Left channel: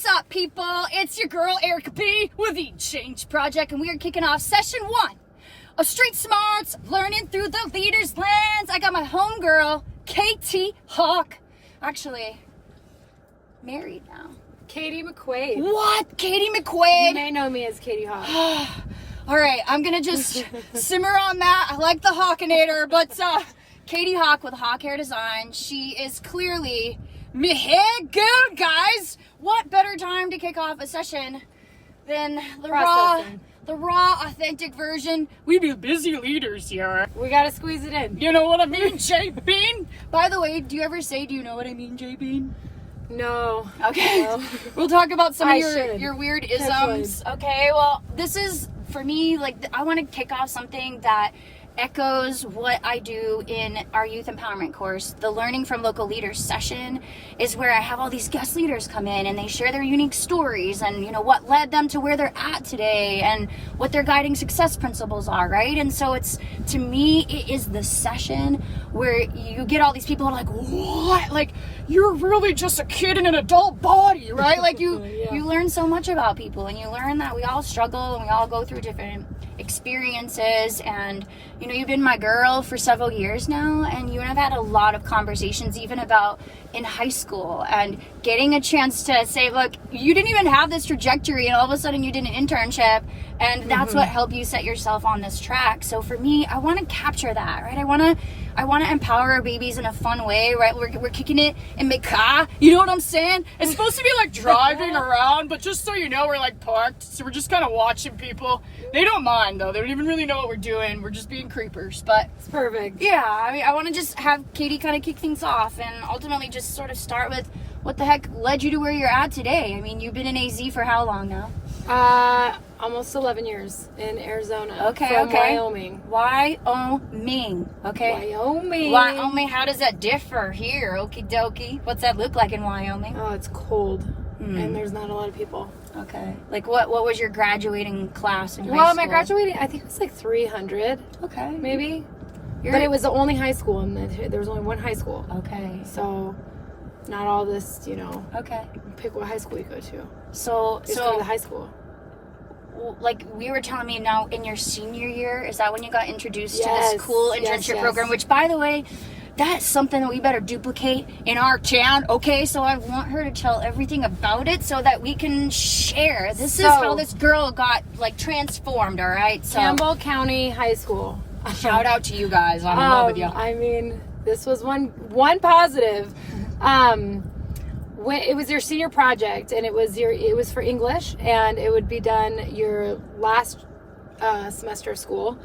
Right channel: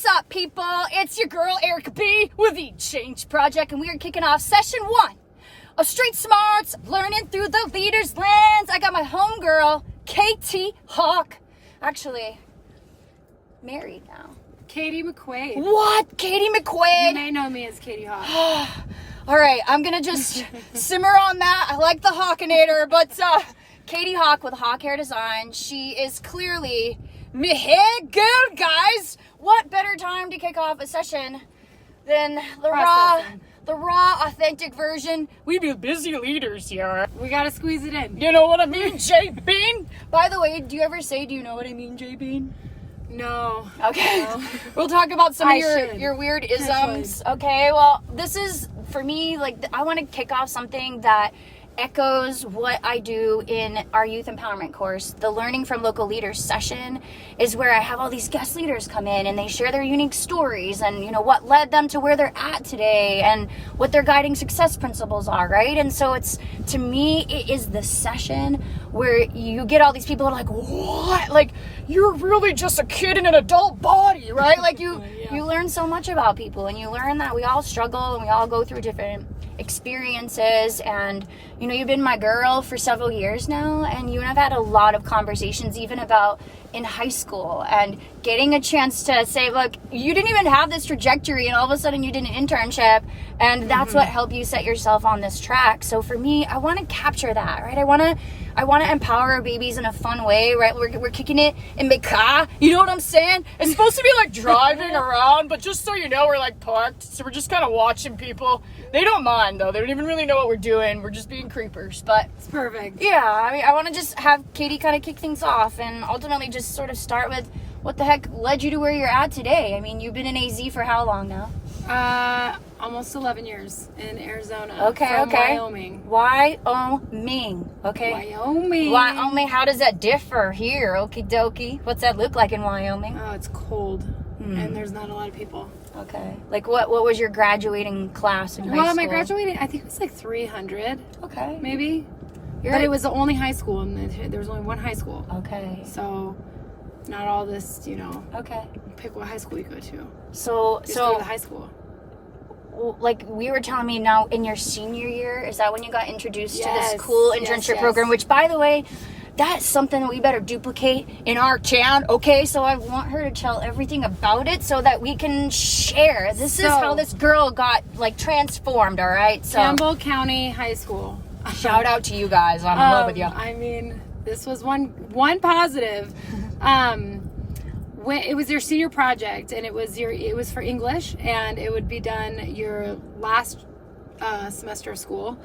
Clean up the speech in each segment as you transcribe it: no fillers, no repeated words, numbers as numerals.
What's up, people? It's your girl, Erica B, with the Change Project, and we are kicking off session 1 of Street Smarts, learning through the leader's lens. I got my homegirl, Katie Hawk. Actually, married now. Katie McQuade. What? Katie McQuade? You may know me as Katie Hawk. All right, I'm gonna just simmer on that. I like the Hawkinator, but Katie Hawk with Hawk Hair Design. She is clearly me hair girl, guys. What better time to kick off a session than the raw, authentic version? We be busy leaders here. We gotta squeeze it in. You know what I mean, J Bean? By the way, do you ever say, do you know what I mean, J Bean? No. Okay. No. We'll talk about some of I your weird isms. Okay, well, this is, for me, like, I want to kick off something that echoes what I do in our youth empowerment course. The Learning from Local Leaders session is where I have all these guest leaders come in and they share their unique stories and, you know, what led them to where they're at today and what their guiding success principles are, right? And so it's, to me, it is the session where you get all these people who are like, what? Like, you're really just a kid in an adult body, right? Like, you learn so much about people, and you learn that we all struggle and we all go through different experiences. And you know, you've been my girl for several years now, and you and I've had a lot of conversations even about in high school and getting a chance to say, look, you didn't even have this trajectory and all of a sudden you did an internship, and that's what helped you set yourself on this track. So for me, I want to capture that, right? I want to empower our babies in a fun way, right? We're kicking it in McQuade, you know what I'm saying? It's supposed to be like driving around, but just so you know, we're like parked, so we're just kind of watching people. They don't mind though. They don't even really know what we're doing. We're just being creepers, but it's perfect. Yeah, I mean, I want to just have Katie kind of kick things off and ultimately just sort of start with what the heck led you to where you're at today. I mean, you've been in AZ for how long now? Almost 11 years in Arizona. Okay, from Wyoming. Wyoming, okay. Wyoming, how does that differ here? Okie dokie. What's that look like in Wyoming? Oh, it's cold, and there's not a lot of people. Okay. Like, what was your graduating class in high school? Well, my graduating, I think it was like 300. Okay. Maybe. But it was the only high school, and there was only one high school. Okay. So, not all this, you know. Okay. Pick what high school you go to. So go to the high school. Like we were telling me now, in your senior year, is that when you got introduced to this cool internship program? Which, by the way, that's something that we better duplicate in our town, okay? So I want her to tell everything about it so that we can share. This is how this girl got, like, transformed, all right? So Campbell County High School. Shout out to you guys. I'm in love with you. I mean, this was one positive. When it was your senior project, and it was for English, and it would be done your last semester of school,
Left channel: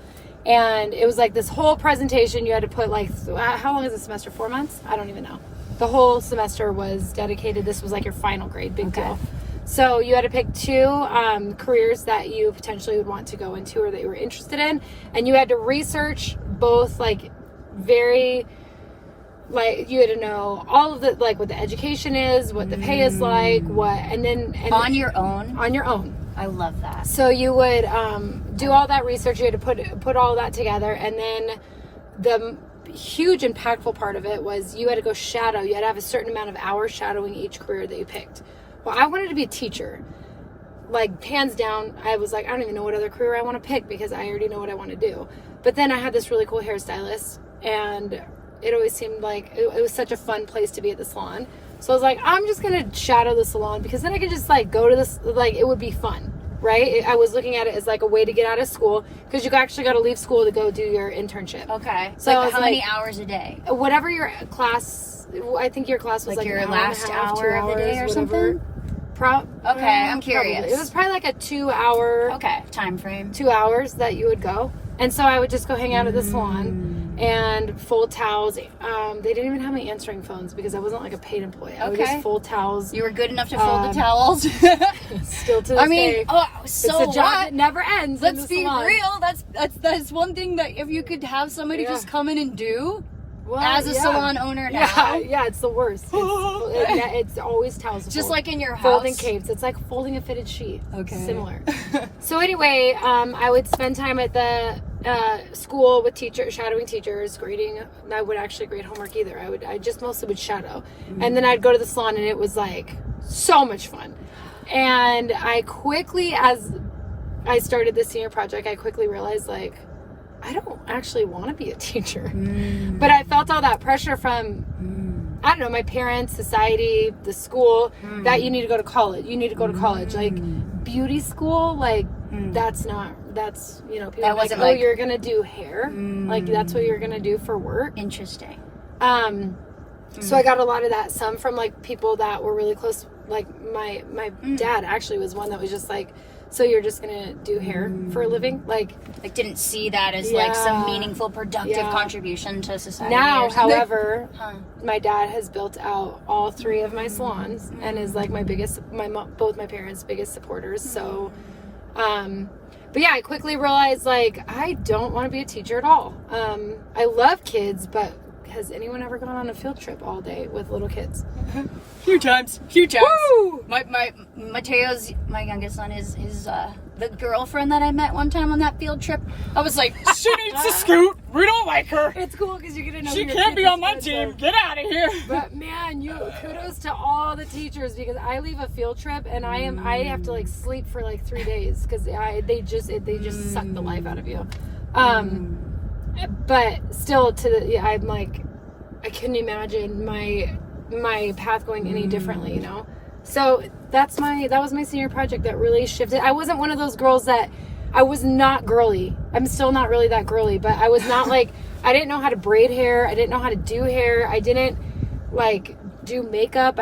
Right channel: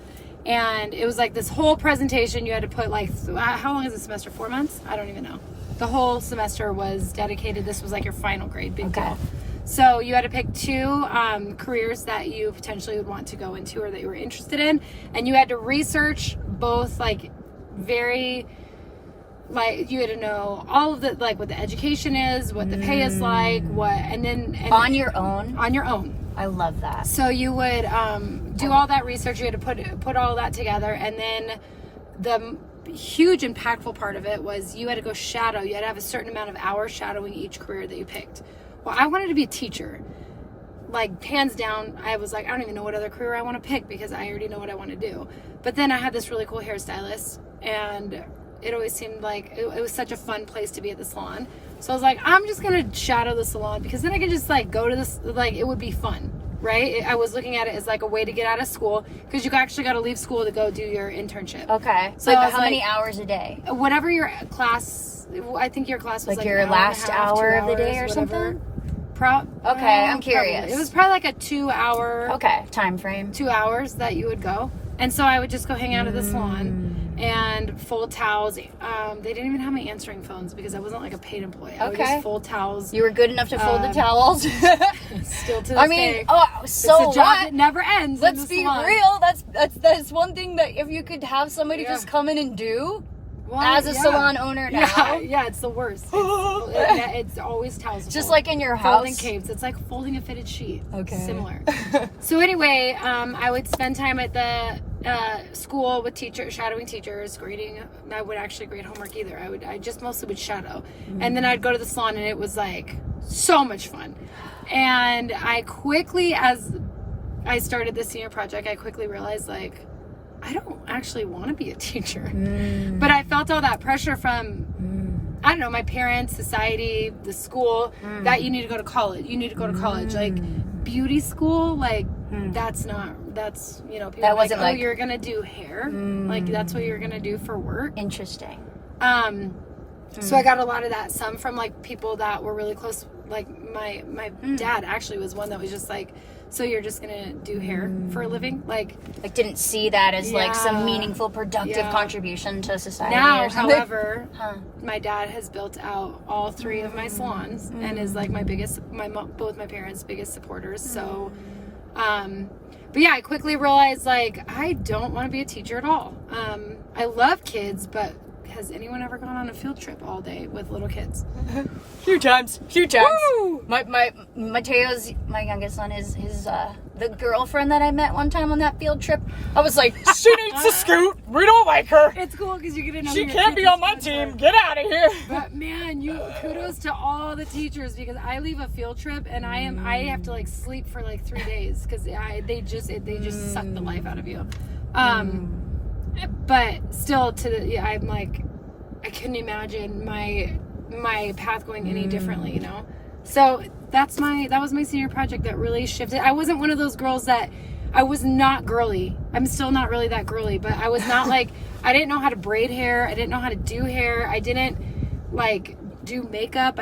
and it was like this whole presentation. You had to put, like, how long is a semester? 4 months? I don't even know. The whole semester was dedicated. This was like your final grade, big deal. So you had to pick 2 careers that you potentially would want to go into or that you were interested in, and you had to research both, like, like, you had to know all of the, like, what the education is, what the pay is like, and on your own. On your own. I love that. So you would do all that research. You had to put all that together, and then the huge impactful part of it was you had to go shadow. You had to have a certain amount of hours shadowing each career that you picked. Well, I wanted to be a teacher. Like, hands down, I was like, I don't even know what other career I want to pick because I already know what I want to do. But then I had this really cool hairstylist, and it always seemed like it was such a fun place to be at the salon. So I was like, I'm just going to shadow the salon because then I can just, like, go to this, like, it would be fun, right? I was looking at it as, like, a way to get out of school because you actually got to leave school to go do your internship. Okay. So like, how many hours a day? Whatever your class, I think your class was like your an last hour of the day or whatever. something? Okay, I'm curious. Probably. It was probably like a 2-hour time frame. 2 hours that you would go. And so I would just go hang out at the salon and fold towels. They didn't even have my answering phones because I wasn't like a paid employee. I would just fold towels. You were good enough to fold the towels. Still to this day. It's a job that never ends. Let's be real. That's one thing that if you could have somebody just come in and do. Well, as a salon owner now. Yeah, it's the worst. It's always towels. Just like in your house. Folding capes. It's like folding a fitted sheet. Okay. Similar. So anyway, I would spend time at the school with shadowing teachers, grading. I would actually grade homework either. I just mostly would shadow. And then I'd go to the salon, and it was like So much fun. And I quickly, as I started the senior project, I quickly realized, like, I don't actually want to be a teacher. But I felt all that pressure from, I don't know, my parents, society, the school, that you need to go to college. You need to go to college. Like, beauty school, like, that's, you know, people That are like, wasn't oh, like- you're going to do hair. Like, that's what you're going to do for work. Interesting. So I got a lot of that, some from, like, people that were really close. Like, my dad actually was one that was just like, so you're just gonna do hair for a living? Like didn't see that as like some meaningful, productive contribution to society. Now, or something. however, my dad has built out all 3 of my salons and is like my biggest, both my parents' biggest supporters. So, but yeah, I quickly realized, like, I don't want to be a teacher at all. I love kids, but has anyone ever gone on a field trip all day with little kids? Few times. Woo! My Mateo's, my youngest son, is the girlfriend that I met one time on that field trip. I was like, she needs to scoot. We don't like her. It's cool because you get to know She your can't be kids' on my friends team. are- Get out of here. But man, kudos to all the teachers, because I leave a field trip and I have to like sleep for like 3 days because they just suck the life out of you. But still, I'm like, I couldn't imagine my path going any differently, you know. So that was my senior project that really shifted. I wasn't one of those girls that, I was not girly. I'm still not really that girly, but I was not like, I didn't know how to braid hair. I didn't know how to do hair. I didn't like do makeup.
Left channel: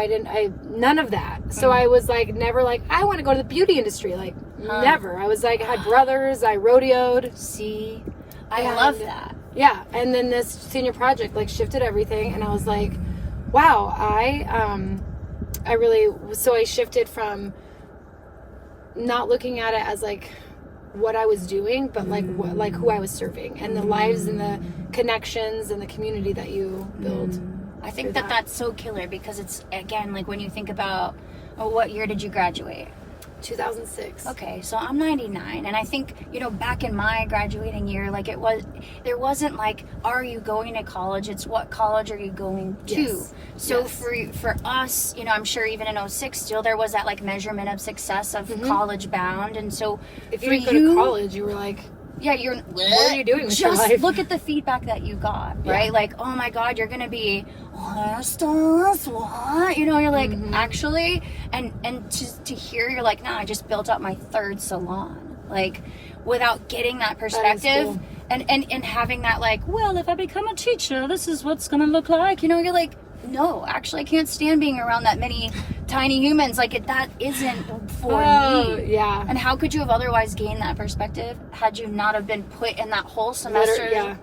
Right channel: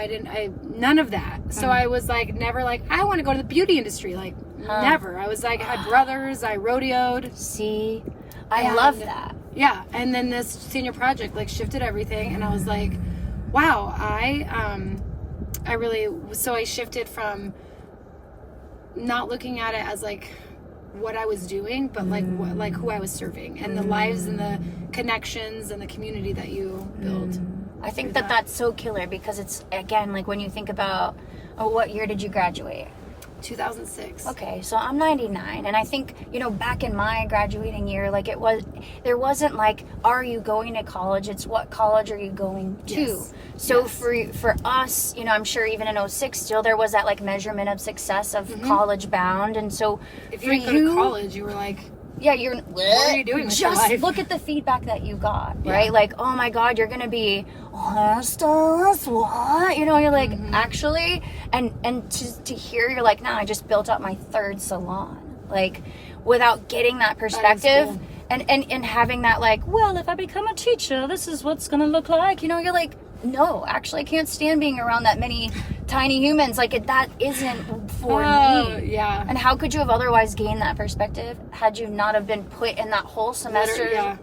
None of that. So I was like, never like, I want to go to the beauty industry. Like never. I was like, I had brothers. I rodeoed. See, I love that. Yeah. And then this senior project like shifted everything. And I was like, wow, I shifted from not looking at it as like what I was doing, but like like who I was serving, and the lives and the connections and the community that you build. I think that's so killer, because it's, again, like when you think about, what year did you graduate? 2006. Okay, so I'm 99, and I think, back in my graduating year, like there wasn't like, are you going to college? It's what college are you going to? Yes. So Yes. for us, I'm sure even in 06 still, there was that like measurement of success of college bound, and so If for you didn't go to college, you were like, yeah, what are you doing with your just life? look at the feedback that you got, Yeah. right? Like, oh my God, you're gonna be stylist, what? You're like, actually, and to hear, you're like, no, I just built up my 3rd salon, like, without getting that perspective, cool. and having that, like, well, if I become a teacher, this is what's gonna look like. You're like, no, actually, I can't stand being around that many tiny humans. Like, that isn't for me. Yeah. And how could you have otherwise gained that perspective had you not have been put in that whole semester? Yeah.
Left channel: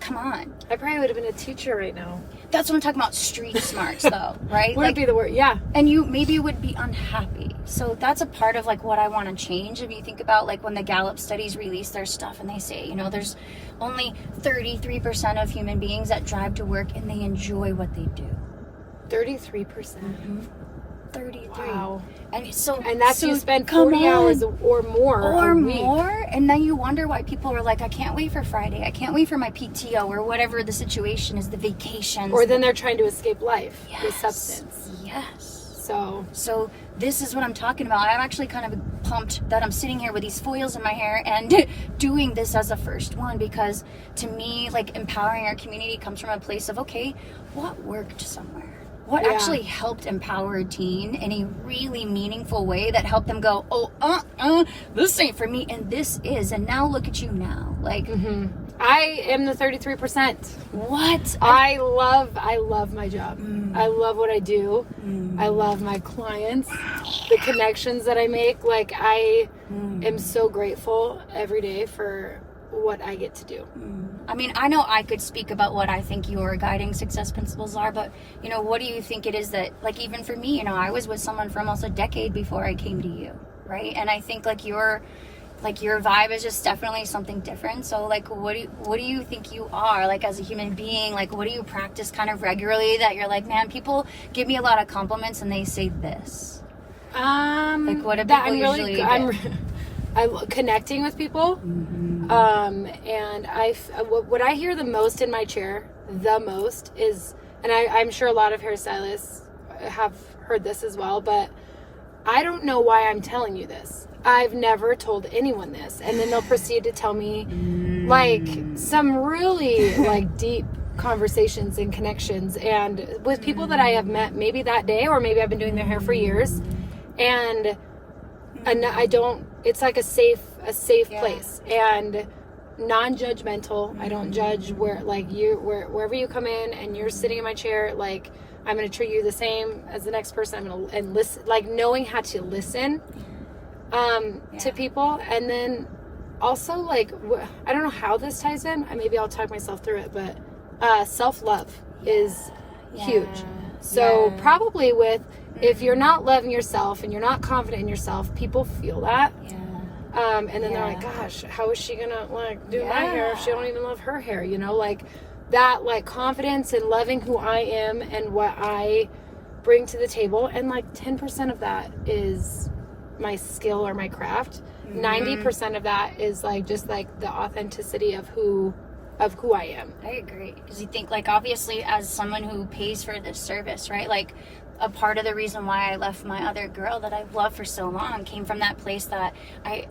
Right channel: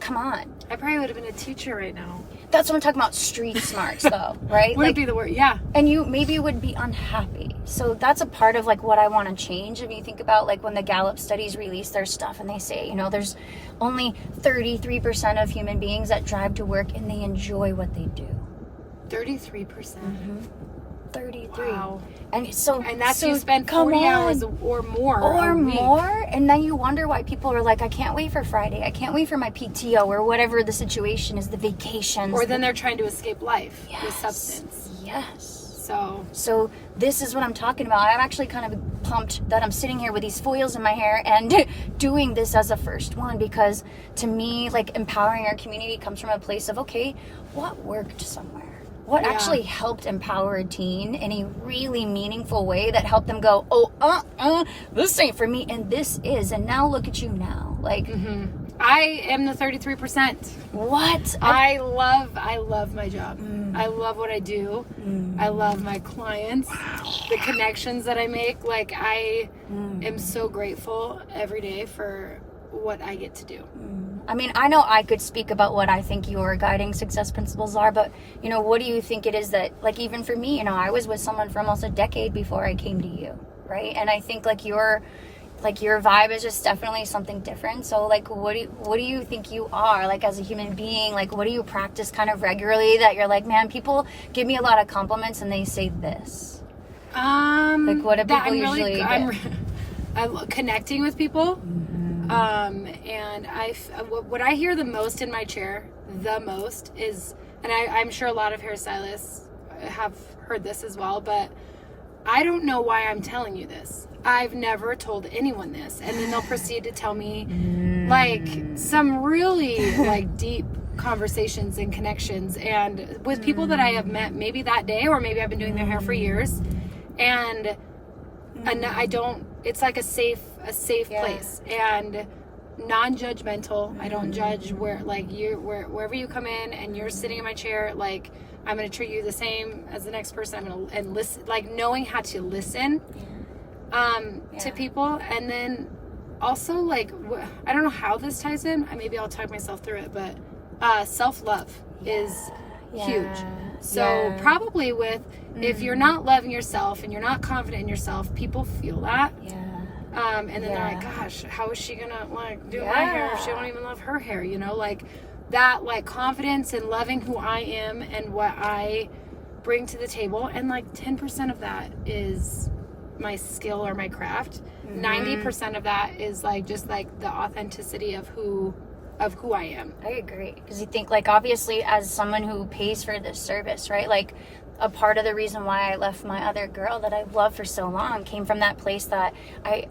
Come on. I probably would have been a teacher right now. That's what I'm talking about, street smarts, though, right? Wouldn't be the word. Yeah. And you maybe would be unhappy. So that's a part of like what I want to change. If you think about like when the Gallup studies release their stuff and they say, there's only 33% of human beings that drive to work and they enjoy what they do. 33%. 33. Wow. And that's you spend 40 hours or more a week. And then you wonder why people are like, I can't wait for Friday, I can't wait for my PTO, or whatever the situation is, the vacations, or then they're trying to escape life with substance. Yes. So this is what I'm talking about. I'm actually kind of pumped that I'm sitting here with these foils in my hair and doing this as a first one, because to me, like, empowering our community comes from a place of, okay, what worked somewhere? What actually helped empower a teen in a really meaningful way that helped them go, this ain't for me, and this is, and now look at you now. Like, I am the 33%. What? I love my job. I love what I do. I love my clients, the connections that I make. Like, I am so grateful every day for what I get to do. I mean, I know I could speak about what I think your guiding success principles are, but, what do you think it is that, like, even for me, I was with someone for almost a decade before I came to you, right? And I think, like, your vibe is just definitely something different. So, like, what do you think you are, like, as a human being? Like, what do you practice kind of regularly that you're like, man, people give me a lot of compliments and they say this? Like, what do people usually get? I love connecting with people. And what I hear the most in my chair, the most, is, and I'm sure a lot of hairstylists have heard this as well, but I don't know why I'm telling you this. I've never told anyone this. And then they'll proceed to tell me like some really like deep conversations and connections, and with people that I have met maybe that day, or maybe I've been doing their hair for years, and I don't, it's like a safe place, and non-judgmental. I don't judge where, like, wherever you come in and you're sitting in my chair, like, I'm going to treat you the same as the next person. I'm going to, and listen, like, knowing how to listen to people. And then also, like, I don't know how this ties in. Maybe I'll talk myself through it, but self-love is huge. So probably if you're not loving yourself and you're not confident in yourself, people feel that. And then they're like, gosh, how is she gonna like do my hair if she don't even love her hair? You know, like that, like confidence in loving who I am and what I bring to the table. And like 10% of that is my skill or my craft. 90% of that is like just like the authenticity of who I am. I agree, because you think, like, obviously as someone who pays for this service, right, like a part of the reason why I left my other girl that I've loved for so long came from that place that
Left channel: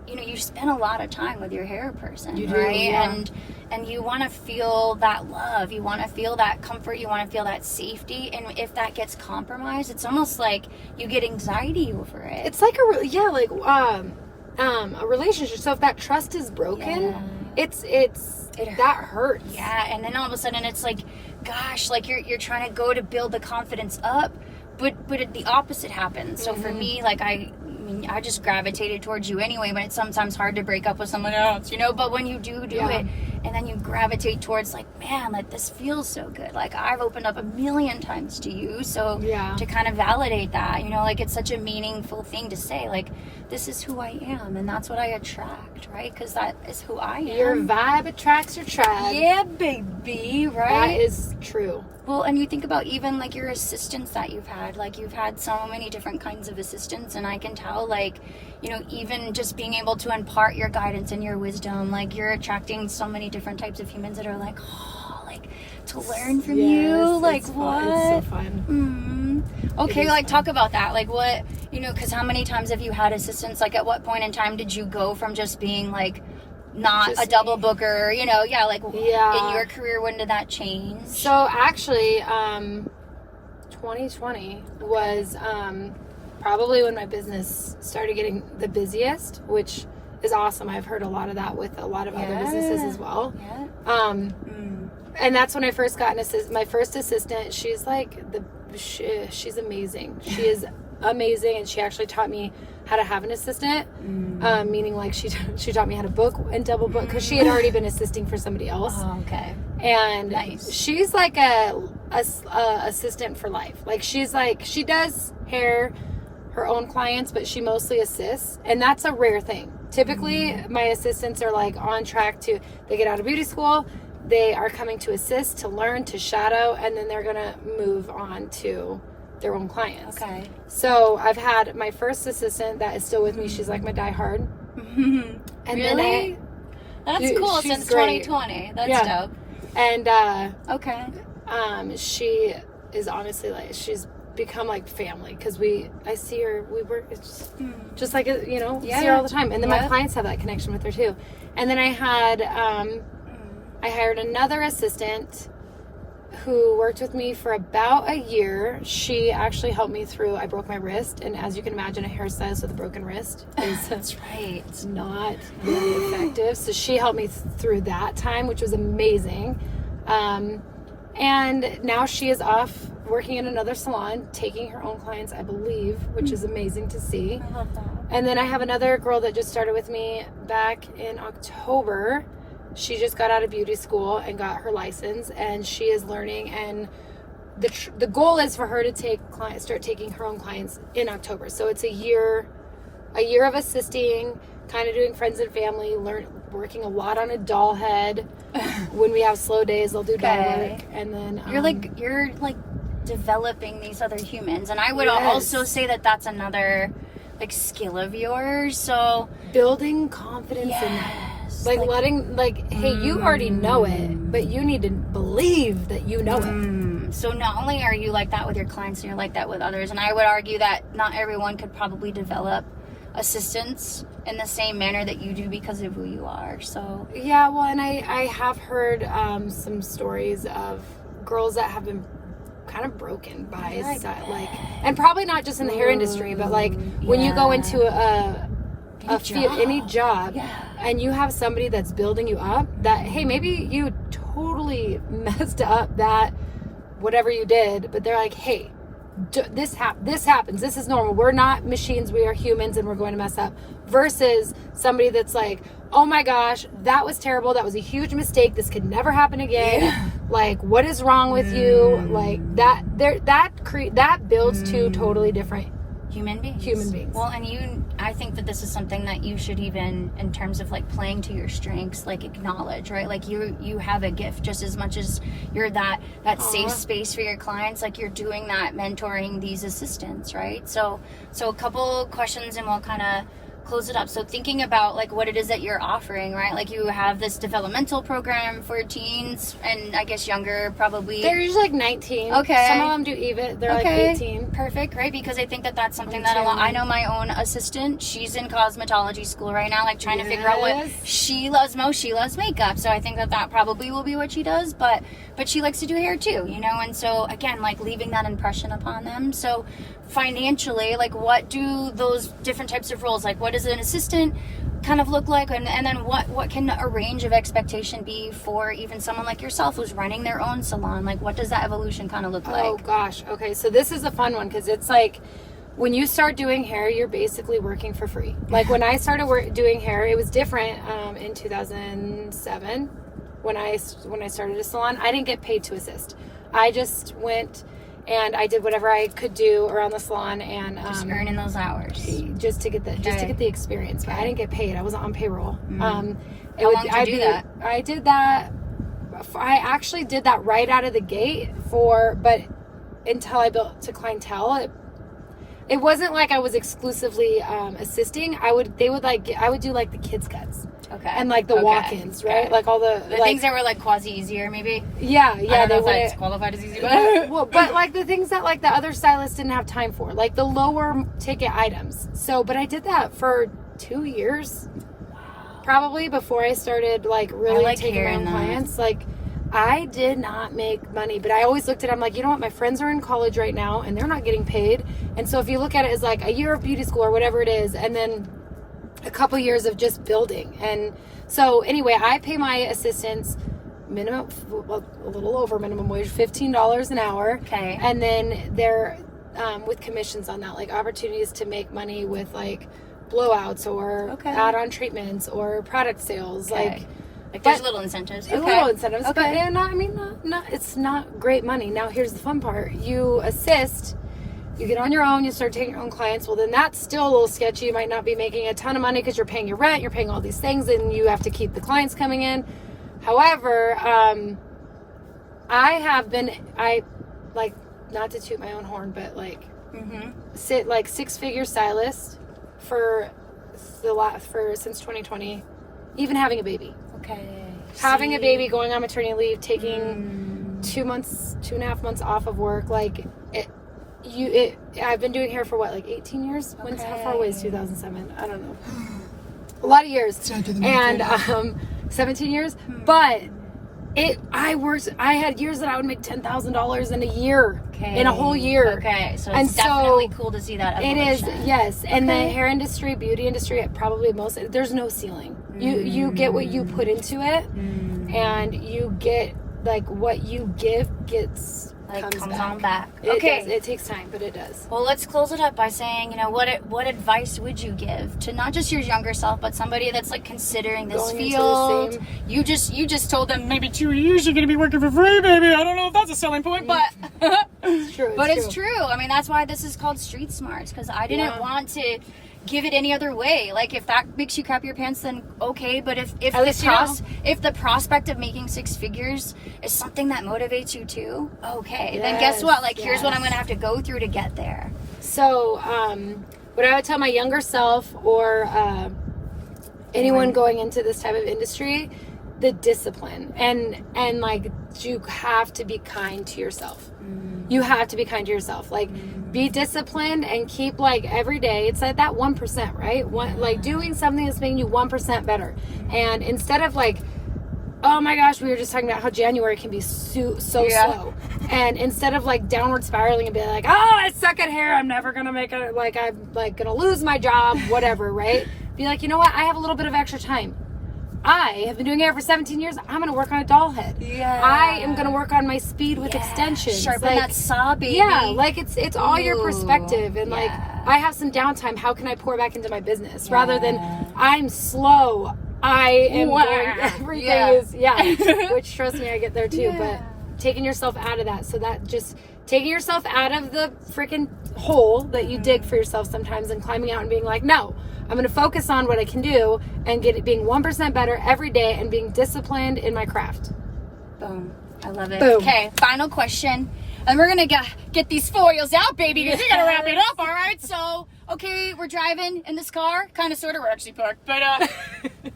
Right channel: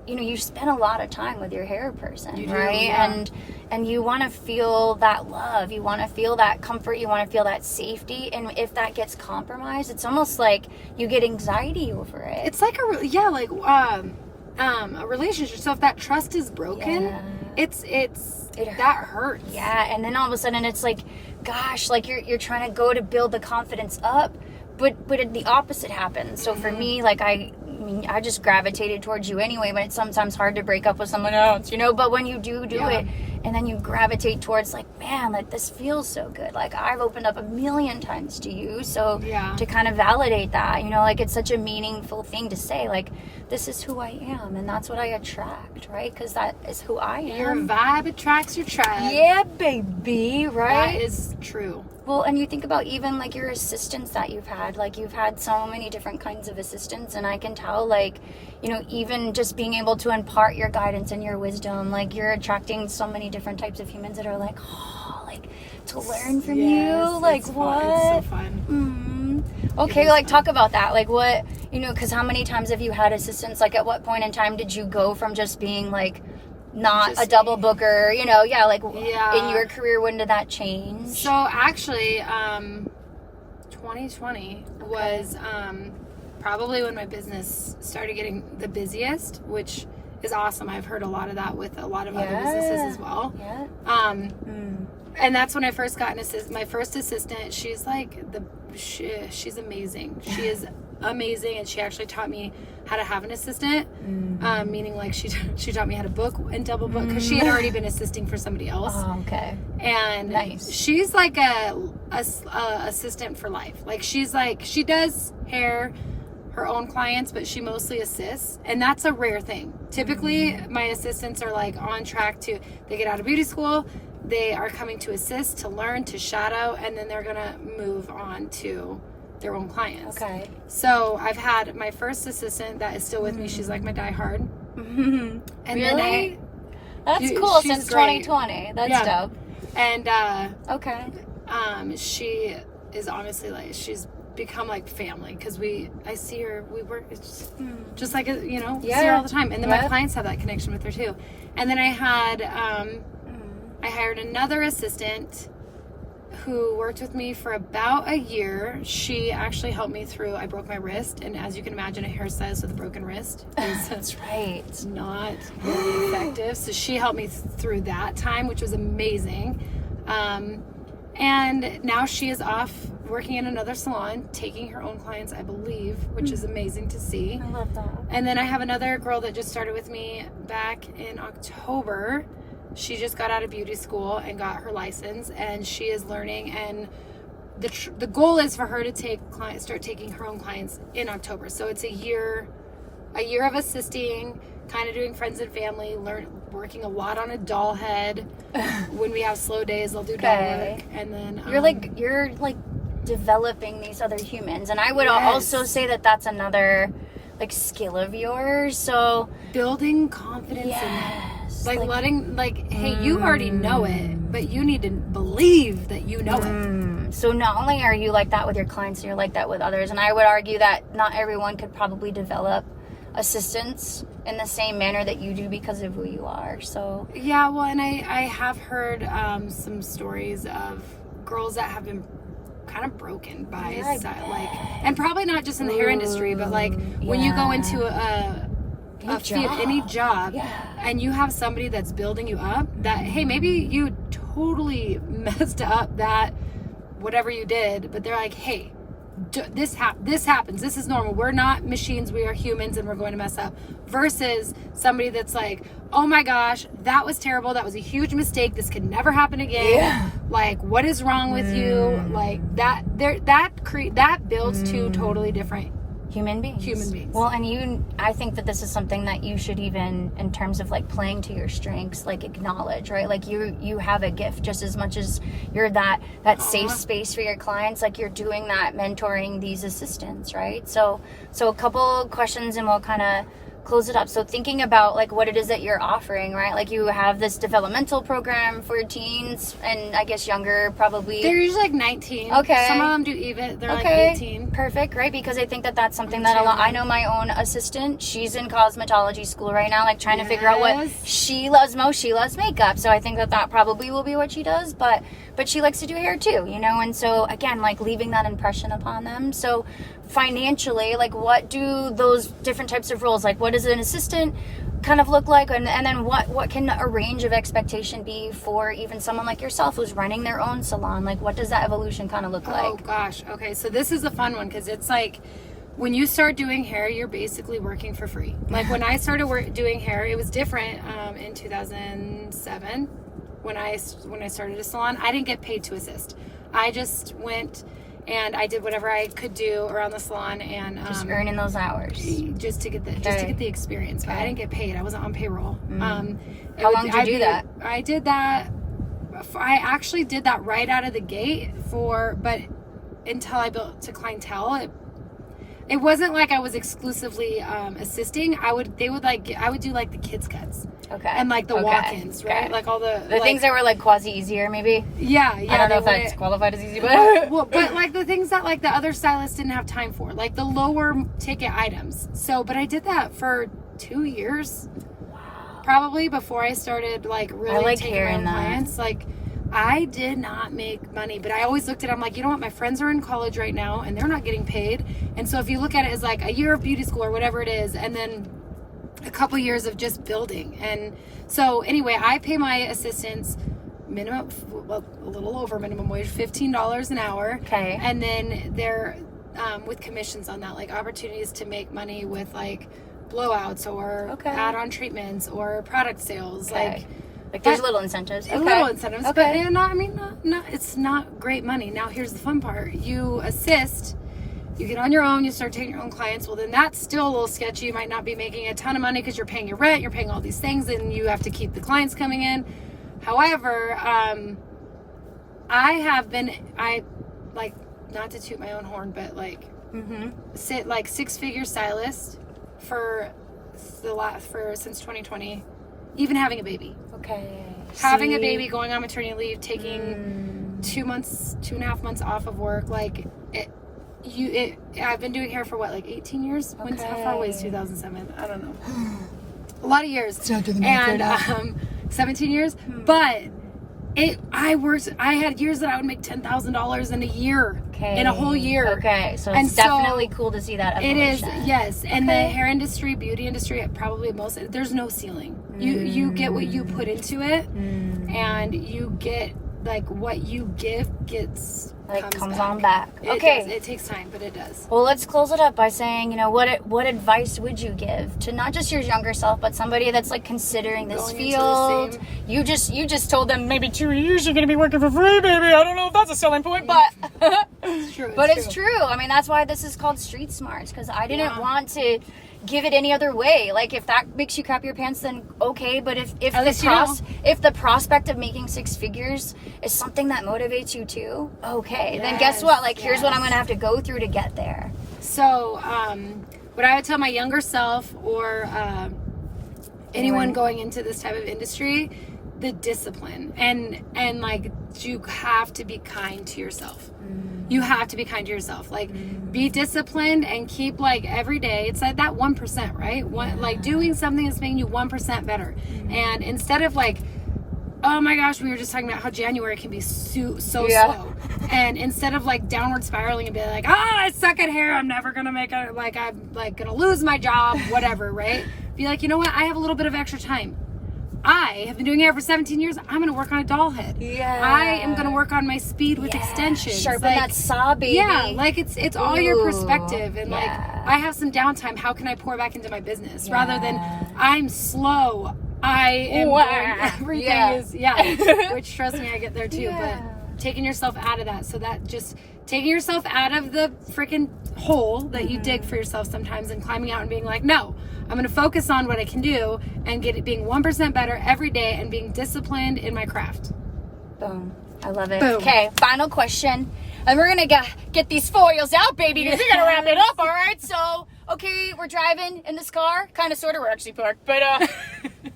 you spend a lot of time with your hair person, you do, right? yeah. And you want to feel that love, you want to feel that comfort, you want to feel that safety, and if that gets compromised, it's almost like you get anxiety over it. It's like a relationship. So if that trust is broken, that hurts. Yeah, and then all of a sudden it's like, gosh, like you're trying to go to build the confidence up, but the opposite happens. So for me, like I just gravitated towards you anyway, but it's sometimes hard to break up with someone else, but when you do it, and then you gravitate towards like, man, like this feels so good, like I've opened up 1,000,000 times to you, so to kind of validate that, like it's such a meaningful thing to say, like this is who I am, and that's what I attract, right? Because that is who I am. Your vibe attracts your tribe. Yeah, baby, right? That is true. Well, and you think about even like your assistants that you've had, like you've had so many different kinds of assistants, and I can tell, like, even just being able to impart your guidance and your wisdom, like you're attracting so many different types of humans that are like, like to learn from you, like what? It's so fun. Okay, like talk about that, like what, because how many times have you had assistants? Like at what point in time did you go from just being like not just a double booker, in your career, when did that change? So actually 2020 was probably when my business started getting the busiest, which is awesome. I've heard a lot of that with a lot of other businesses as well. And that's when I first got my first assistant. She's like she's amazing. She is amazing, and she actually taught me how to have an assistant, meaning like she taught me how to book and double book, because she had already been assisting for somebody else. Okay. And she's like a assistant for life. Like she does hair, her own clients, but she mostly assists, and that's a rare thing. Typically my assistants are like on track they get out of beauty school, they are coming to assist, to learn, to shadow, and then they're gonna move on to their own clients. Okay. So I've had my first assistant that is still with me. She's like my diehard. And really? That's cool. Since great. 2020. That's dope. And okay. She is honestly like, she's become like family, because I see her, we work, it's just like see her all the time, and then my clients have that connection with her too. And then I had I hired another assistant who worked with me for about a year. She actually helped me through, I broke my wrist, and as you can imagine, a hairstylist with a broken wrist is that's right, not very effective. So she helped me through that time, which was amazing. And now she is off working in another salon, taking her own clients, I believe, which is amazing to see. I love that. And then I have another girl that just started with me back in October. She just got out of beauty school and got her license, and she is learning, and the goal is for her to start taking her own clients in October. So it's a year of assisting, kind of doing friends and family, working a lot on a doll head. When we have slow days, they'll do doll work, and then you're like developing these other humans, and I would also say that that's another like skill of yours. So building confidence in like letting, like, hey, you already know it, but you need to believe that you know it. So not only are you like that with your clients, and you're like that with others, and I would argue that not everyone could probably develop assistants in the same manner that you do because of who you are. So yeah, well, and I have heard some stories of girls that have been kind of broken by like, and probably not just in the hair industry, but like when you go into any job and you have somebody that's building you up, that hey, maybe you totally messed up that whatever you did, but they're like, hey, this happens, this is normal, we're not machines, we are humans, and we're going to mess up, versus somebody that's like, oh my gosh, that was terrible, that was a huge mistake, this could never happen again, like what is wrong with you, like that builds two totally different human beings. Well, and I think that this is something that you should, even in terms of like playing to your strengths, like acknowledge, right? Like you have a gift just as much as you're that safe space for your clients. Like you're doing that, mentoring these assistants, right? So a couple questions and we'll kind of close it up. So thinking about like what it is that you're offering, right? Like you have this developmental program for teens and I guess younger, probably. They're usually like 19. Okay. Some of them do even. They're like 18. Perfect, right? Because I think that that's something that I know my own assistant, she's in cosmetology school right now, like trying to figure out what she loves most. She loves makeup. So I think that probably will be what she does, but she likes to do hair too, you know? And so again, like leaving that impression upon them. So financially, like what do those different types of roles, like what does an assistant kind of look like, and then what can a range of expectation be for even someone like yourself who's running their own salon? Like what does that evolution kind of look like? Oh gosh, okay, so this is a fun one because it's like when you start doing hair, you're basically working for free. Like when I started doing hair, it was different in 2007 when I started a salon. I didn't get paid to assist. I just went and I did whatever I could do around the salon and just earning those hours just to get the experience. But I didn't get paid. I wasn't on payroll. How long did you do that? I did that. I actually did that right out of the gate but until I built to clientele. It wasn't like I was exclusively assisting. I would do like the kids cuts. Okay. And like the walk-ins, right? Okay. Like all the things that were like quasi easier, maybe. Yeah. I don't know if that's qualified as easy, but well, but like the things that like the other stylists didn't have time for, like the lower ticket items. So, but I did that for 2 years, probably before I started like really taking my own clients. Like I did not make money, but I always looked at it, I'm like, you know what? My friends are in college right now and they're not getting paid. And so if you look at it as like a year of beauty school or whatever it is, and then a couple years of just building. And so anyway, I pay my assistants minimum, well, a little over minimum wage, $15 an hour. Okay. And then they're with commissions on that, like opportunities to make money with like blowouts or add-on treatments or product sales. Like there's little incentives. Little incentives. But it's not great money. Now here's the fun part. You assist, you get on your own, you start taking your own clients. Well, then that's still a little sketchy. You might not be making a ton of money because you're paying your rent, you're paying all these things, and you have to keep the clients coming in. However, I like, not to toot my own horn, but like sit like 6-figure stylist since 2020, even having a baby. Okay. Having a baby, going on maternity leave, taking 2.5 months off of work, like I've been doing hair for what, like 18 years? How far away is 2007? I don't know. A lot of years. And 17 years. But I had years that I would make $10,000 in a year. In a whole year. Okay. So it's definitely cool to see that evolution. It is, yes. And the hair industry, beauty industry, probably there's no ceiling. You get what you put into it, and you get like what you give comes on back. It takes time, but it does. Well, let's close it up by saying, what advice would you give to not just your younger self, but somebody that's like considering this field? You just told them maybe 2 years you're going to be working for free, baby. I don't know if that's a selling point, but it's true. It's true. I mean, that's why this is called Street Smarts, because I didn't want to give it any other way. Like if that makes you crap your pants, then okay. But if the prospect of making 6 figures is something that motivates you too, okay, then guess what? Like here's what I'm gonna have to go through to get there. So what I would tell my younger self or anyone going into this type of industry, the discipline and like you have to be kind to yourself. You have to be kind to yourself. Like, be disciplined and keep, like, every day. It's like that 1%, right? Like, doing something that's making you 1% better. And instead of, like, oh my gosh, we were just talking about how January can be so slow. And instead of, like, downward spiraling and being like, oh, I suck at hair, I'm never going to make it, like, I'm, like, going to lose my job, whatever, right? Be like, you know what? I have a little bit of extra time. I have been doing hair for 17 years. I'm going to work on a doll head. Yeah. I am going to work on my speed with extensions. Sharpen like, that saw, baby. Yeah, like, it's all your perspective. And, like, I have some downtime. How can I pour back into my business? Rather than, I'm slow. I am going, everything is, which, trust me, I get there too. But taking yourself out of that. So that just taking yourself out of the freaking hole that you dig for yourself sometimes and climbing out and being like, no, I'm going to focus on what I can do and being 1% better every day and being disciplined in my craft. Boom. I love it. Boom. Okay, final question. And we're going to get these foils out, baby, because we got to wrap it up, all right? So, okay, we're driving in this car. Kind of, sort of, we're actually parked. But, all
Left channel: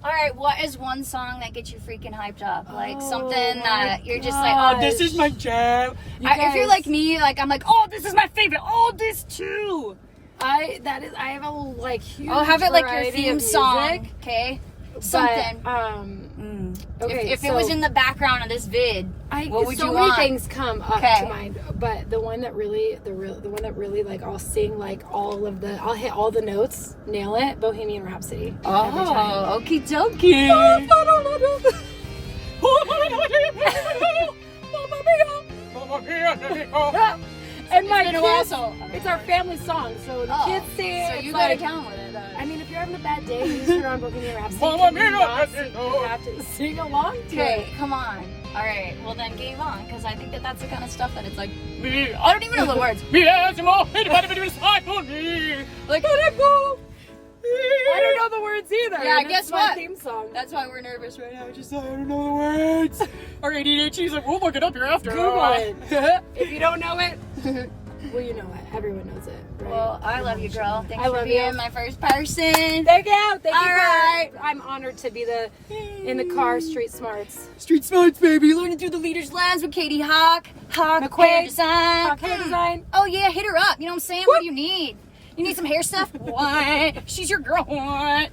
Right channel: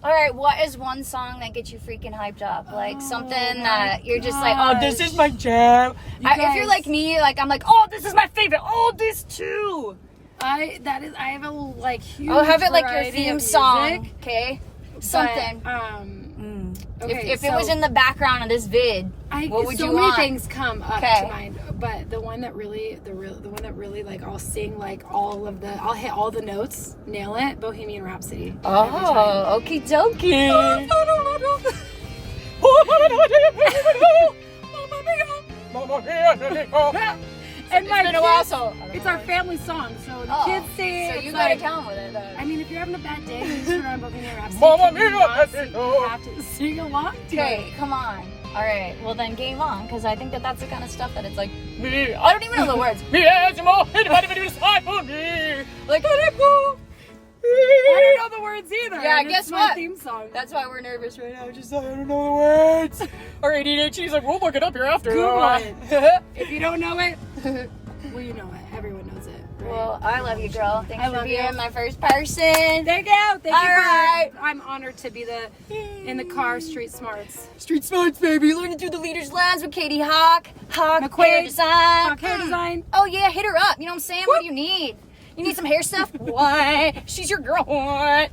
right, what is one song that gets you freaking hyped up? Like, something that you're just like, oh, this is my jam. If you're like me, like, I'm like, oh, this is my favorite. Oh, this too. I have a, like, huge have it like your variety theme of song, music, okay? Something. But, okay, if it was in the background of this vid, what would so you many want? things come up to mind, but the one that really, like, I'll sing, like, I'll hit all the notes, nail it, Bohemian Rhapsody. Oh, okie dokie. And my it's been a while, so it's our family song, so the kids sing it. So you it's gotta like, count with it. I mean, if you're having a bad day, you turn on Bohemian Rhapsody. You have to sing along to it. Come on. All right. Well, then game on, because I think that's the kind of stuff that it's like, I don't even know the words. Like, let it go. I don't know the words either. Yeah, and guess it's my what? theme song. That's why we're nervous right now. Just I don't know the words. Our ADHD's like, we'll look it up here after. Google it. If you don't know it, well, you know it. Everyone knows it. Right? Well, I love you, girl. Thanks I for love being you. my first person. Thank you. Thank you. Right. I'm honored to be in the car street smarts. Street smarts, baby. Learning through the leader's lens with Katie Hawk. McQuade. Hair design. Hawk hair design. Oh yeah, hit her up. You know what I'm saying? What do you need? You need some hair stuff? What? She's your girl. What?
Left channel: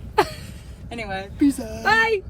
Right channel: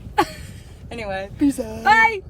Anyway, peace out. Bye.